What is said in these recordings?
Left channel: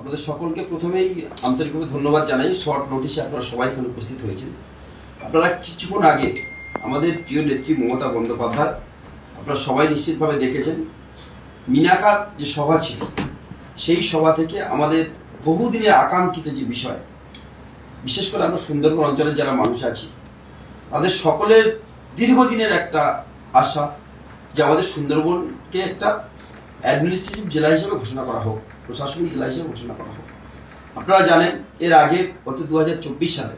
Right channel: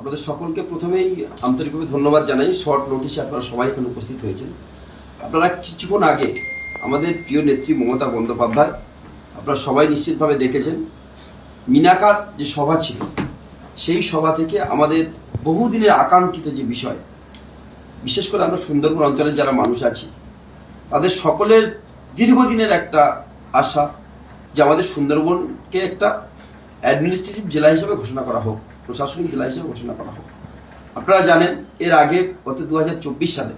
আপনাদের সকলকে প্রথমেই আন্তরিকভাবে ধন্যবাদ জানাই। শর্ট নোটিশে আপনারা সবাই এখানে উপস্থিত হয়েছেন। আপনারা কিছুক্ষণ আগে আমাদের প্রিয় নেত্রী মমতা বন্দ্যোপাধ্যায়, আপনারা সবাই নিশ্চিতভাবে দেখেছেন, মিনাকার যে সভা ছিল সেই সভা থেকে আমাদের বহুদিনের আকাঙ্ক্ষিত যে বিষয়, বিশেষ করে আমরা সুন্দরবন অঞ্চলের যারা মানুষ আছি তাদের সকলের দীর্ঘদিনের একটা আশা যে আমাদের সুন্দরবনকে একটা অ্যাডমিনিস্ট্রেটিভ জেলা হিসেবে ঘোষণা করা হোক, প্রশাসনিক জেলা হিসেবে ঘোষণা করা হোক। আপনারা জানেন এর আগে গত 2024 সালে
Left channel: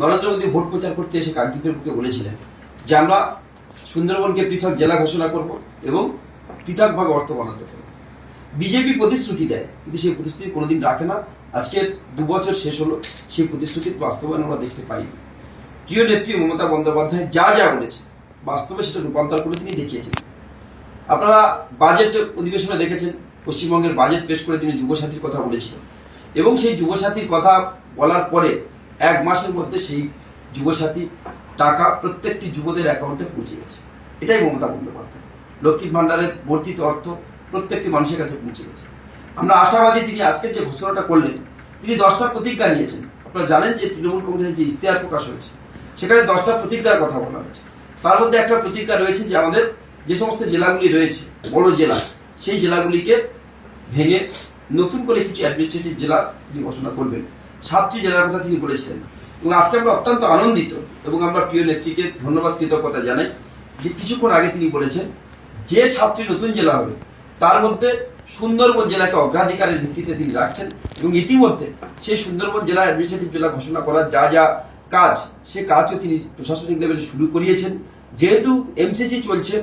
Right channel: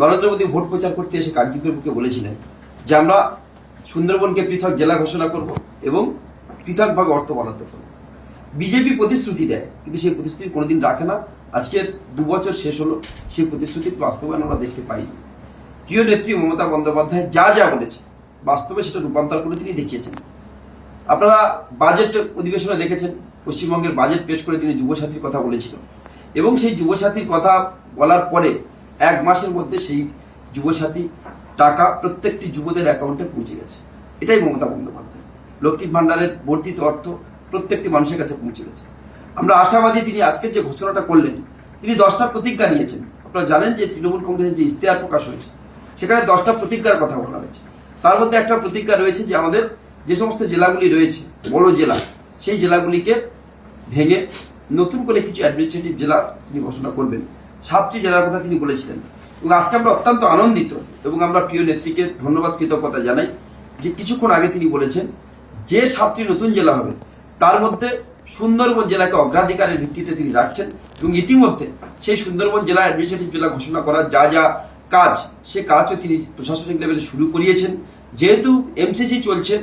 নরেন্দ্র মোদী ভোট প্রচার করতে এসে কাকদ্বীপের বুকে বলেছিলেন যে আমরা সুন্দরবনকে পৃথক জেলা ঘোষণা করব এবং পৃথকভাবে অর্থ বরাদ্দ করব। বিজেপি প্রতিশ্রুতি দেয় কিন্তু সেই প্রতিশ্রুতি কোনোদিন রাখে না। আজকের 2 বছর শেষ হলো, সেই প্রতিশ্রুতির বাস্তবায়ন আমরা দেখতে পাইনি। প্রিয় নেত্রী মমতা বন্দ্যোপাধ্যায় যা যা বলেছে বাস্তবে সেটা রূপান্তর করে তিনি দেখিয়েছেন। আপনারা বাজেট অধিবেশনে দেখেছেন, পশ্চিমবঙ্গের বাজেট পেশ করে তিনি যুবসাথীর কথা বলেছিলেন এবং সেই যুবসাথীর কথা বলার পরে 1 মাসের মধ্যে সেই যুবসাথী টাকা প্রত্যেকটি যুবদের অ্যাকাউন্টে পৌঁছে গেছে। এটাই মমতা বন্দ্যোপাধ্যায়। লক্ষ্মীর ভাণ্ডারের বর্ধিত অর্থ প্রত্যেকটি মানুষের কাছে পৌঁছে গেছে। আমরা আশাবাদী তিনি আজকে যে ঘোষণাটা করলেন, তিনি 10টা প্রতিজ্ঞা নিয়েছেন। আপনারা জানেন যে তৃণমূল কংগ্রেসের যে ইশতেহার প্রকাশ হয়েছে সেখানে 10টা প্রতিজ্ঞার কথা বলা হয়েছে। তার মধ্যে একটা প্রতিজ্ঞা রয়েছে যে আমাদের যে সমস্ত জেলাগুলি রয়েছে বড় জেলা, সেই জেলাগুলিকে ভেঙে নতুন করে কিছু অ্যাডমিনিস্ট্রেটিভ জেলা তিনি ঘোষণা করবেন। 7টি জেলার কথা তিনি বলেছিলেন এবং আজকে আমরা অত্যন্ত আনন্দিত এবং আমরা প্রিয় নেত্রীকে ধন্যবাদ কৃতজ্ঞতা জানাই যে কিছুক্ষণ আগে তিনি বলেছেন যে 7টি নতুন জেলা হবে তার মধ্যে সুন্দরবন জেলাকে অগ্রাধিকারের ভিত্তিতে তিনি রাখছেন এবং ইতিমধ্যে সেই সুন্দরবন জেলা অ্যাডমিনিস্ট্রেটিভ জেলা ঘোষণা করার যা যা কাজ, সে কাজও তিনি প্রশাসনিক লেভেলে শুরু করিয়েছেন। যেহেতু এমসিসি চলছে,